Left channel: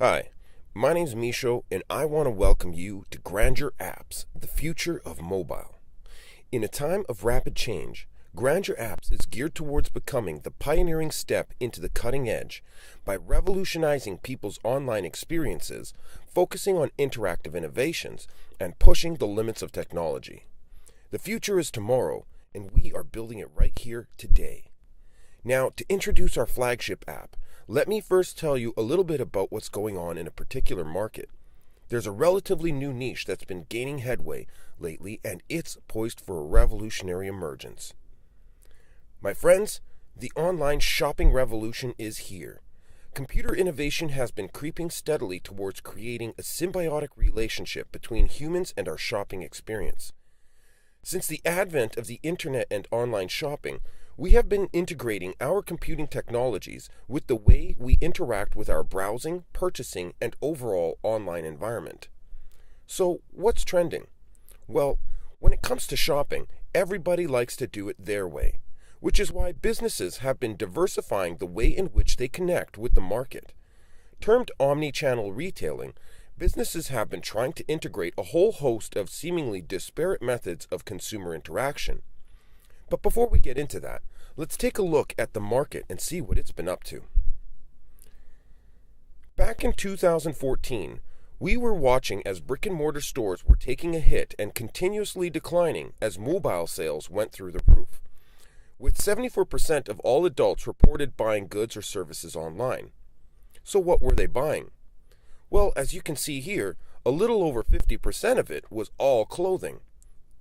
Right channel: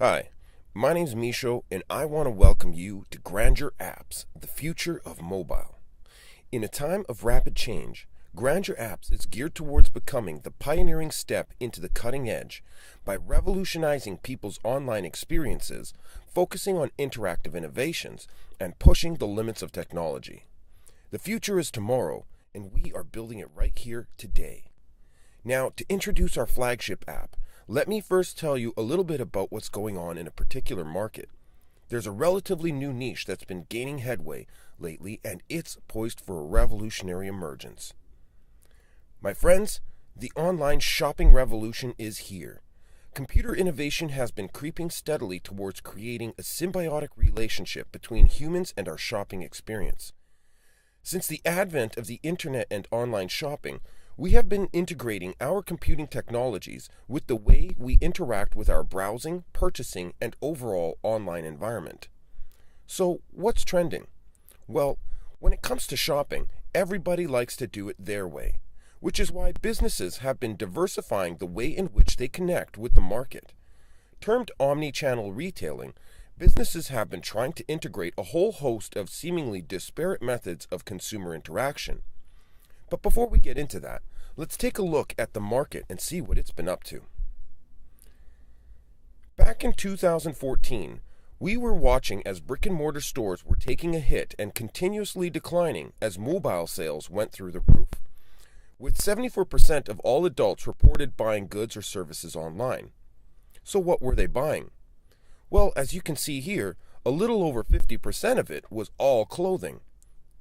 Hi, my name's Misho, and I want to welcome you to Grandeur Apps, the future of mobile. In a time of rapid change, Grandeur Apps is geared towards becoming the pioneering step into the cutting edge by revolutionizing people's online experiences, focusing on interactive innovations, and pushing the limits of technology. The future is tomorrow, and we are building it right here today. Now, to introduce our flagship app, let me first tell you a little bit about what's going on in a particular market. There's a relatively new niche that's been gaining headway lately, and it's poised for a revolutionary emergence. My friends, the online shopping revolution is here. Computer innovation has been creeping steadily towards creating a symbiotic relationship between humans and our shopping experience. Since the advent of the internet and online shopping, we have been integrating our computing technologies with the way we interact with our browsing, purchasing, and overall online environment. So, what's trending? Well, when it comes to shopping, everybody likes to do it their way, which is why businesses have been diversifying the way in which they connect with the market. Termed omni-channel retailing, businesses have been trying to integrate a whole host of seemingly disparate methods of consumer interaction. But before we get into that, let's take a look at the market and see what it's been up to. Back in 2014, we were watching as brick-and-mortar stores were taking a hit and continuously declining as mobile sales went through the roof, with 74% of all adults reported buying goods or services online. So what were they buying? Well, as you can see here, a little over 50% of it was all clothing.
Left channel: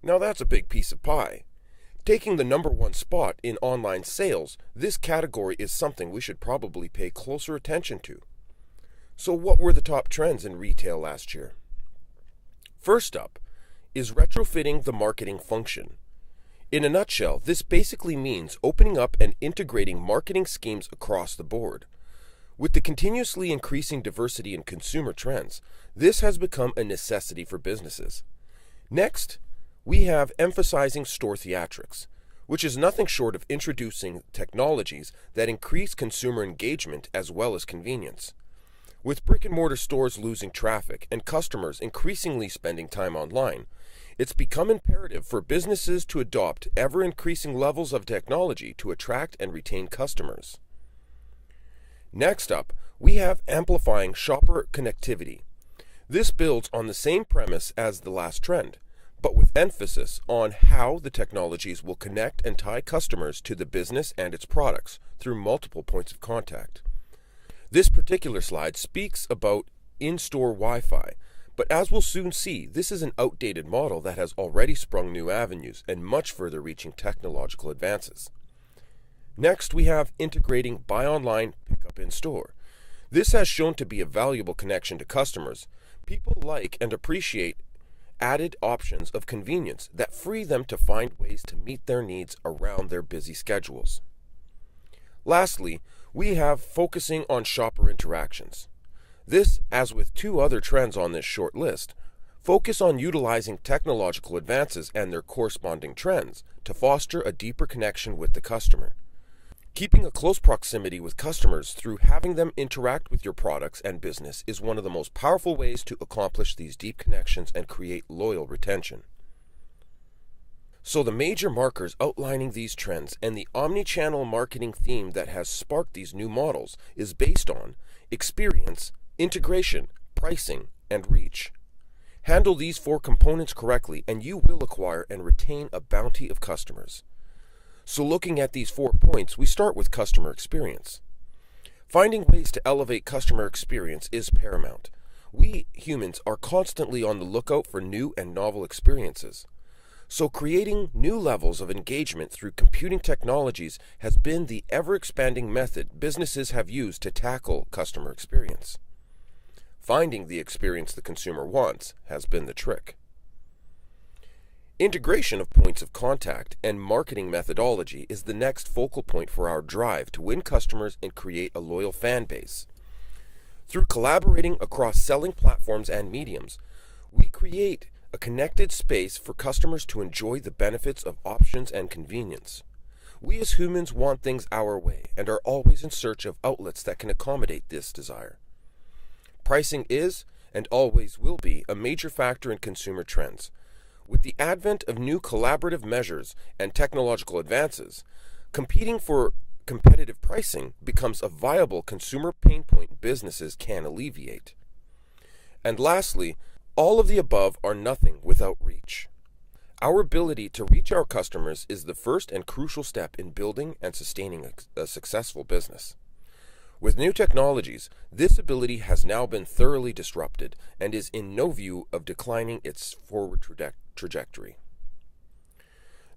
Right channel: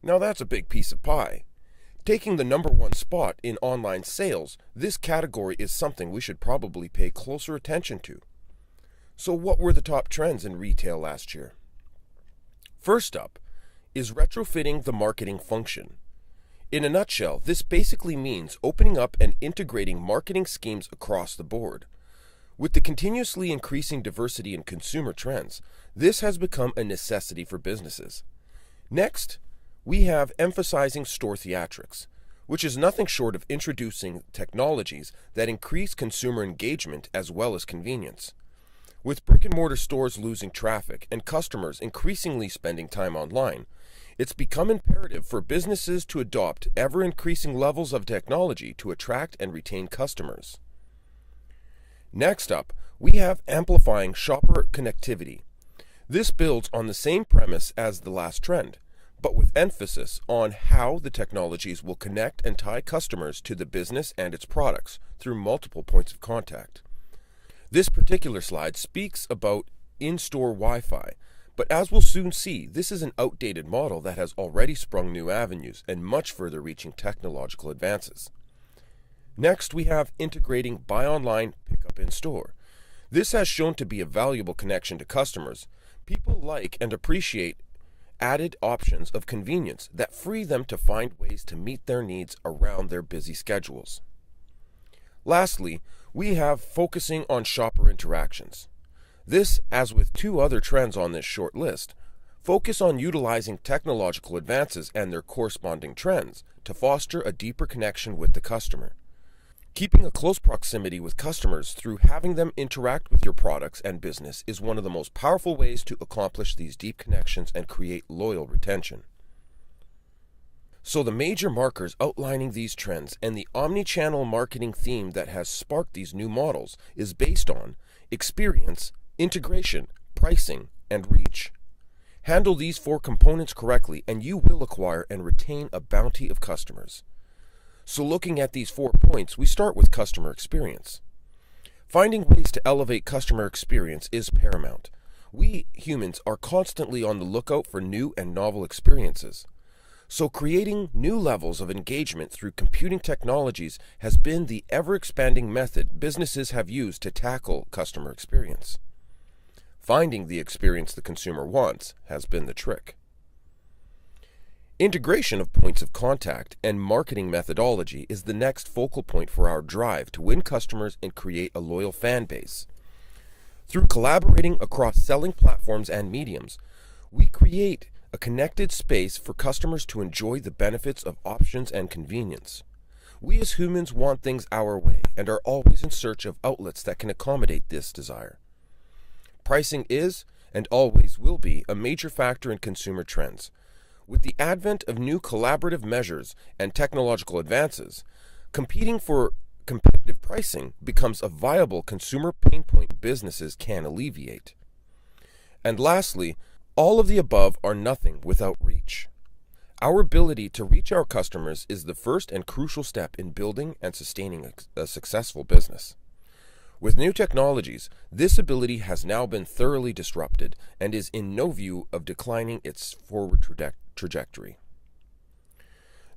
Now that's a big piece of pie. Taking the number one spot in online sales, this category is something we should probably pay closer attention to. So what were the top trends in retail last year? First up is retrofitting the marketing function. In a nutshell, this basically means opening up and integrating marketing schemes across the board. With the continuously increasing diversity in consumer trends, this has become a necessity for businesses. Next, we have emphasizing store theatrics, which is nothing short of introducing technologies that increase consumer engagement as well as convenience. With brick-and-mortar stores losing traffic and customers increasingly spending time online, it's become imperative for businesses to adopt ever-increasing levels of technology to attract and retain customers. Next up, we have amplifying shopper connectivity. This builds on the same premise as the last trend, but with emphasis on how the technologies will connect and tie customers to the business and its products through multiple points of contact. This particular slide speaks about in-store Wi-Fi, but as we'll soon see, this is an outdated model that has already sprung new avenues and much further reaching technological advances. Next, we have integrating buy online, pick up in store. This has shown to be a valuable connection to customers. People like and appreciate added options of convenience that free them to find ways to meet their needs around their busy schedules. Lastly, we have focusing on shopper interactions. This, as with two other trends on this short list, focus on utilizing technological advances and their corresponding trends to foster a deeper connection with the customer. Keeping a close proximity with customers through having them interact with your products and business is one of the most powerful ways to accomplish these deep connections and create loyal retention. So the major markers outlining these trends and the omni-channel marketing theme that has sparked these new models is based on experience, integration, pricing, and reach. Handle these four components correctly and you will acquire and retain a bounty of customers. So looking at these 4 points, we start with customer experience. Finding ways to elevate customer experience is paramount. We humans are constantly on the lookout for new and novel experiences. So creating new levels of engagement through computing technologies has been the ever-expanding method businesses have used to tackle customer experience. Finding the experience the consumer wants has been the trick. Integration of points of contact and marketing methodology is the next focal point for our drive to win customers and create a loyal fan base. Through collaborating across selling platforms and mediums, we create a connected space for customers to enjoy the benefits of options and convenience. We as humans want things our way and are always in search of outlets that can accommodate this desire. Pricing is, and always will be, a major factor in consumer trends. With the advent of new collaborative measures and technological advances, competing for competitive pricing becomes a viable consumer pain point businesses can alleviate. And lastly, all of the above are nothing without reach. Our ability to reach our customers is the first and crucial step in building and sustaining a successful business. With new technologies, this ability has now been thoroughly disrupted and is in no view of declining its forward trajectory.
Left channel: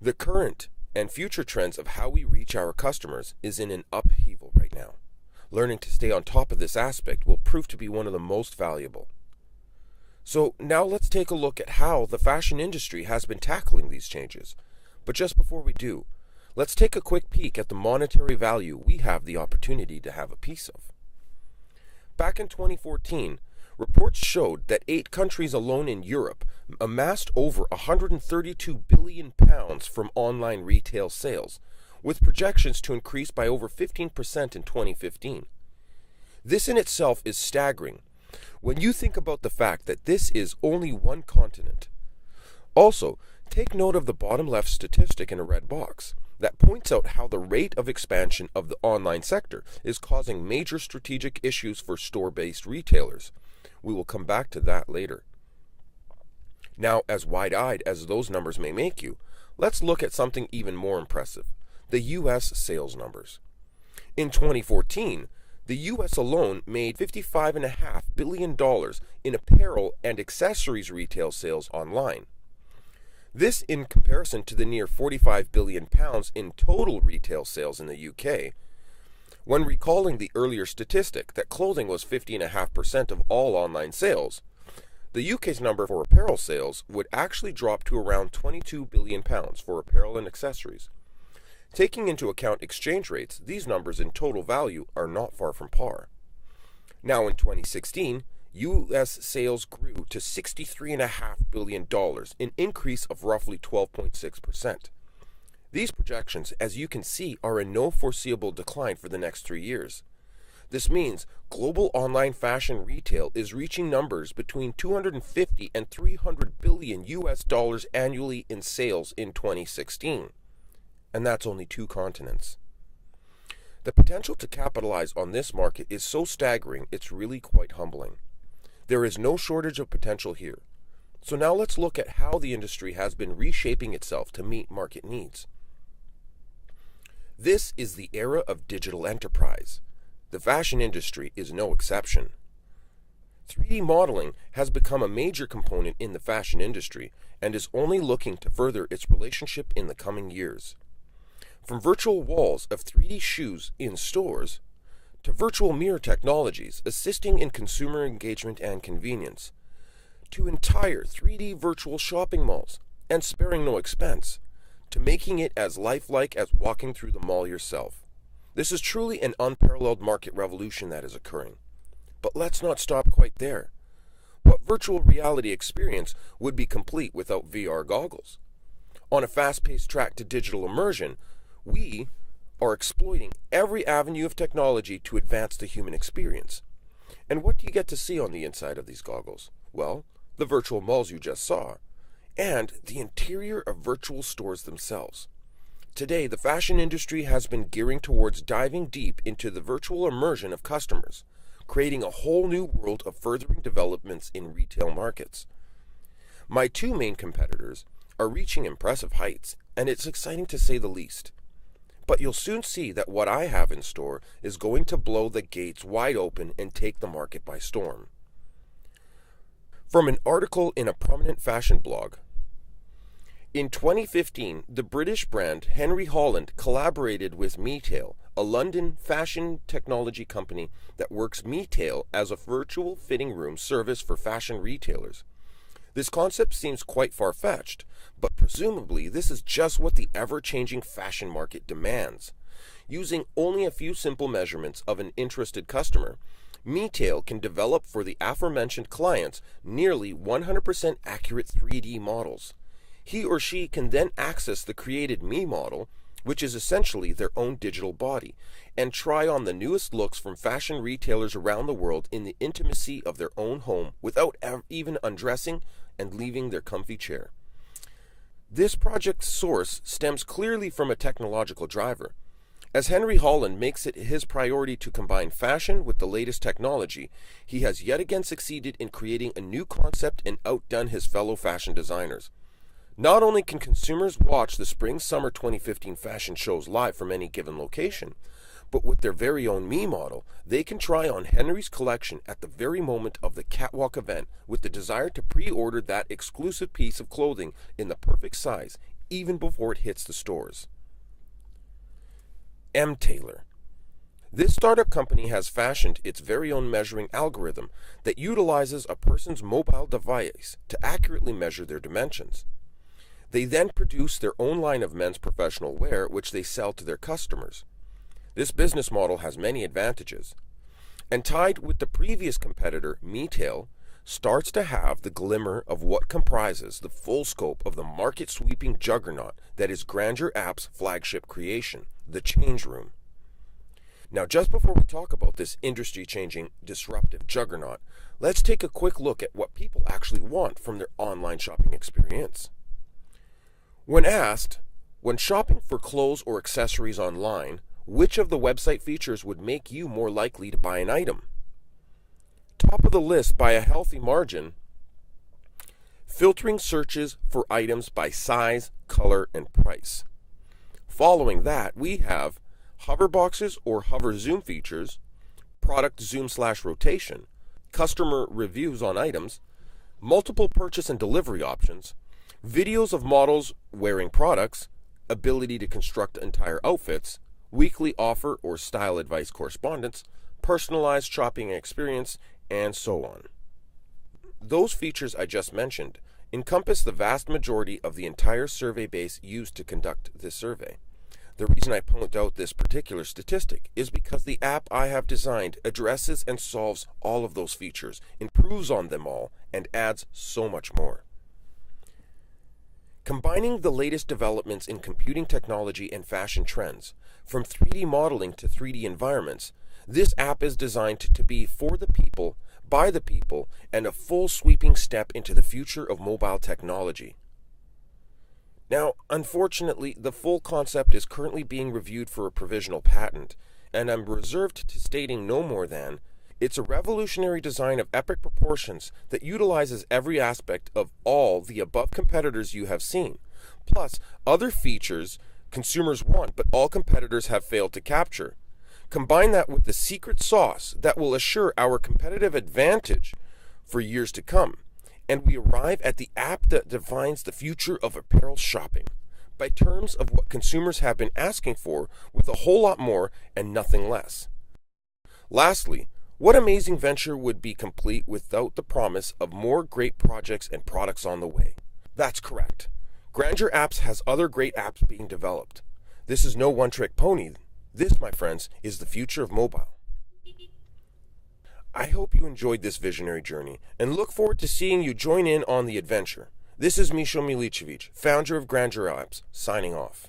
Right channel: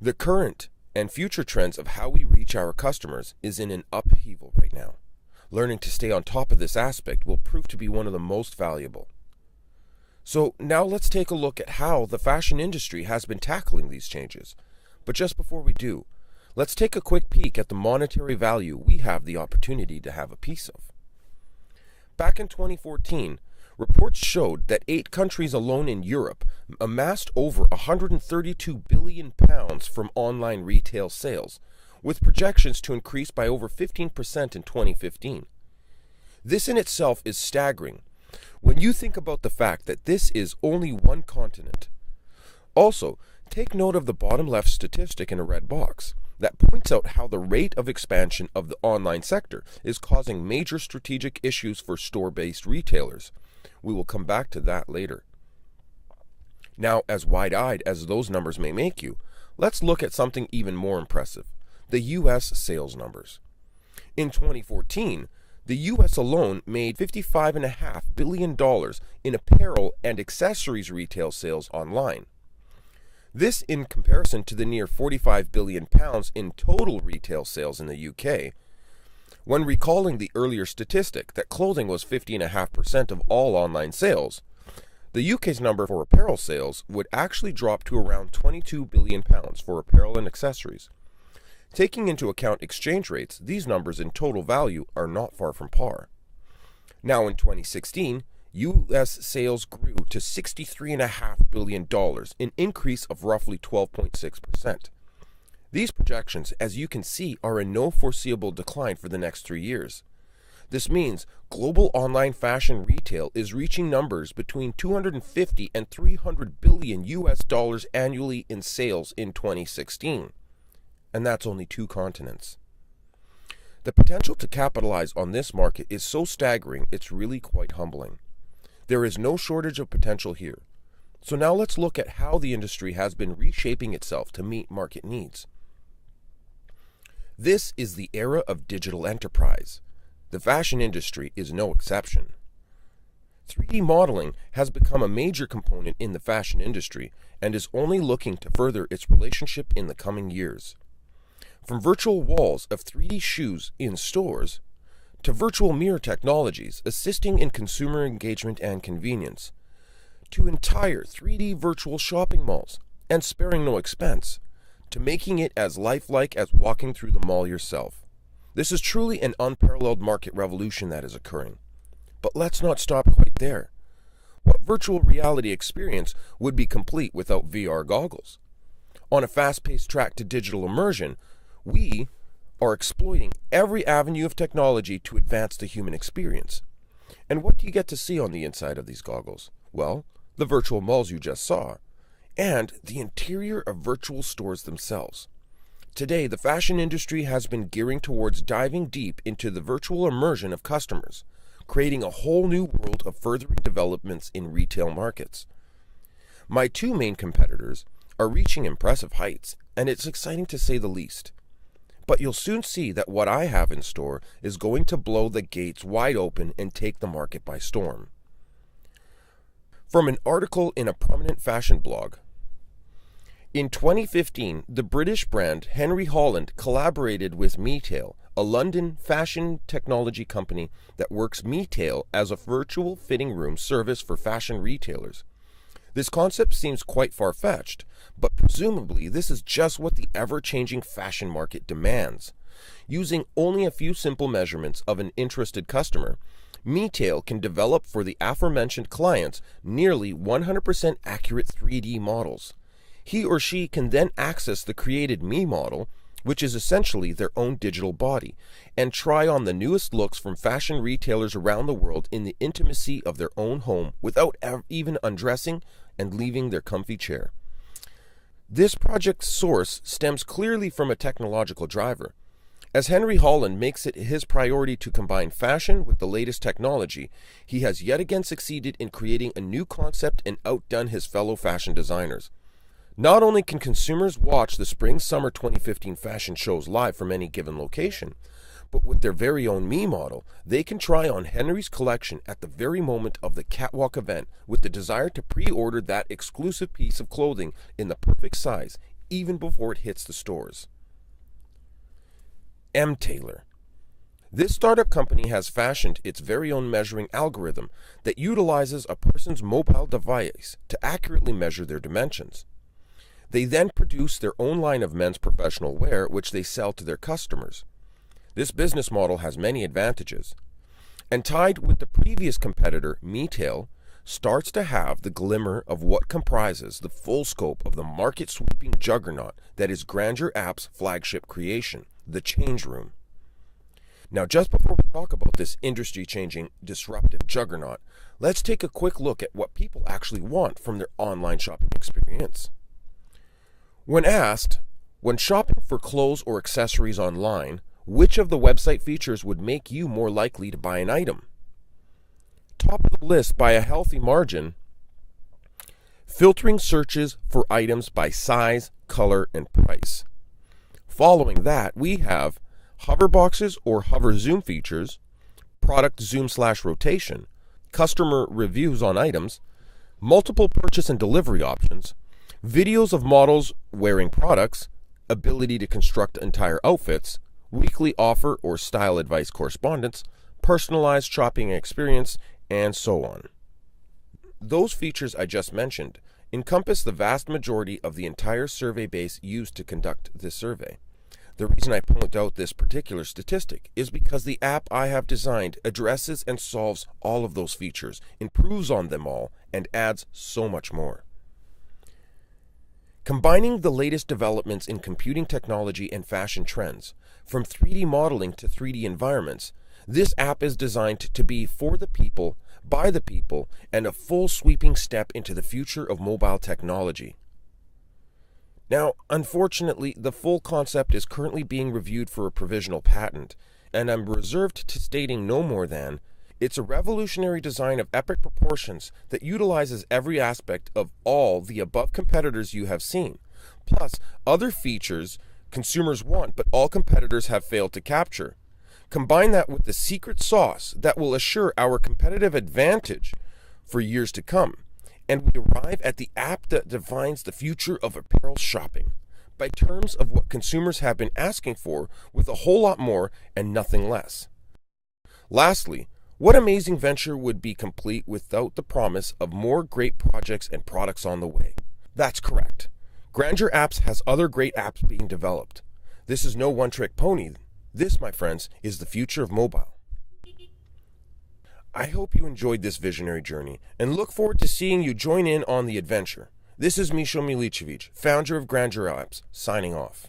The current and future trends of how we reach our customers is in an upheaval right now. Learning to stay on top of this aspect will prove to be one of the most valuable. So now let's take a look at how the fashion industry has been tackling these changes. But just before we do, let's take a quick peek at the monetary value we have the opportunity to have a piece of. Back in 2014, reports showed that 8 countries alone in Europe amassed over £132 billion from online retail sales, with projections to increase by over 15% in 2015. This in itself is staggering when you think about the fact that this is only one continent. Also, take note of the bottom left statistic in a red box that points out how the rate of expansion of the online sector is causing major strategic issues for store-based retailers. We will come back to that later. Now, as wide-eyed as those numbers may make you, let's look at something even more impressive: the U.S. sales numbers. In 2014, the U.S. alone made $55.5 billion in apparel and accessories retail sales online. This in comparison to the near £45 billion in total retail sales in the UK. When recalling the earlier statistic that clothing was 50.5% of all online sales, the UK's number for apparel sales would actually drop to around £22 billion for apparel and accessories. Taking into account exchange rates, these numbers in total value are not far from par. Now in 2016, U.S. sales grew to $63.5 billion, an increase of roughly 12.6%. These projections, as you can see, are in no foreseeable decline for the next 3 years. This means global online fashion retail is reaching numbers between 250 and 300 billion US dollars annually in sales in 2016. And that's only 2 continents. The potential to capitalize on this market is so staggering, it's really quite humbling. There is no shortage of potential here. So now let's look at how the industry has been reshaping itself to meet market needs. This is the era of digital enterprise. The fashion industry is no exception. 3D modeling has become a major component in the fashion industry and is only looking to further its relationship in the coming years. From virtual walls of 3D shoes in stores, to virtual mirror technologies assisting in consumer engagement and convenience, to entire 3D virtual shopping malls, and sparing no expense, to making it as lifelike as walking through the mall yourself. This is truly an unparalleled market revolution that is occurring. But let's not stop quite there. What virtual reality experience would be complete without VR goggles? On a fast-paced track to digital immersion, we are exploiting every avenue of technology to advance the human experience. And what do you get to see on the inside of these goggles? Well, the virtual malls you just saw, and the interior of virtual stores themselves. Today, the fashion industry has been gearing towards diving deep into the virtual immersion of customers, creating a whole new world of furthering developments in retail markets. My 2 main competitors are reaching impressive heights, and it's exciting to say the least. But you'll soon see that what I have in store is going to blow the gates wide open and take the market by storm. From an article in a prominent fashion blog. In 2015, the British brand Henry Holland collaborated with Metail, a London fashion technology company that works Metail as a virtual fitting room service for fashion retailers. This concept seems quite far-fetched, but presumably this is just what the ever-changing fashion market demands. Using only a few simple measurements of an interested customer, Metail can develop for the aforementioned clients nearly 100% accurate 3D models. He or she can then access the created Me model, which is essentially their own digital body, and try on the newest looks from fashion retailers around the world in the intimacy of their own home without even undressing and leaving their comfy chair. This project's source stems clearly from a technological driver. As Henry Holland makes it his priority to combine fashion with the latest technology, he has yet again succeeded in creating a new concept and outdone his fellow fashion designers. Not only can consumers watch the Spring-Summer 2015 fashion shows live from any given location, but with their very own Me model, they can try on Henry's collection at the very moment of the catwalk event with the desire to pre-order that exclusive piece of clothing in the perfect size, even before it hits the stores. M-Tailor. This startup company has fashioned its very own measuring algorithm that utilizes a person's mobile device to accurately measure their dimensions. They then produce their own line of men's professional wear, which they sell to their customers. This business model has many advantages, and tied with the previous competitor, MeTail, starts to have the glimmer of what comprises the full scope of the market-sweeping juggernaut that is Grandeur Apps' flagship creation, the Change Room. Now, just before we talk about this industry-changing, disruptive juggernaut, let's take a quick look at what people actually want from their online shopping experience. When asked, when shopping for clothes or accessories online, which of the website features would make you more likely to buy an item? Top of the list by a healthy margin, filtering searches for items by size, color, and price. Following that, we have hover boxes or hover zoom features, product zoom/rotation, customer reviews on items, multiple purchase and delivery options, videos of models wearing products, ability to construct entire outfits, weekly offer or style advice correspondence, personalized shopping experience, and so on. Those features I just mentioned encompass the vast majority of the entire survey base used to conduct this survey. The reason I point out this particular statistic is because the app I have designed addresses and solves all of those features, improves on them all, and adds so much more. Combining the latest developments in computing technology and fashion trends, from 3D modeling to 3D environments, this app is designed to be for the people, by the people, and a full sweeping step into the future of mobile technology. Now, unfortunately, the full concept is currently being reviewed for a provisional patent, and I'm reserved to stating no more than, it's a revolutionary design of epic proportions that utilizes every aspect of all the above competitors you have seen, plus other features consumers want but all competitors have failed to capture. Combine that with the secret sauce that will assure our competitive advantage for years to come, and we arrive at the app that defines the future of apparel shopping, by terms of what consumers have been asking for, with a whole lot more and nothing less. Lastly, what amazing venture would be complete without the promise of more great projects and products on the way? That's correct. Grandeur Apps has other great apps being developed. This is no one-trick pony. This, my friends, is the future of mobile. I hope you enjoyed this visionary journey and look forward to seeing you join in on the adventure. This is Misho Milicevic, founder of Grandeur Apps, signing off.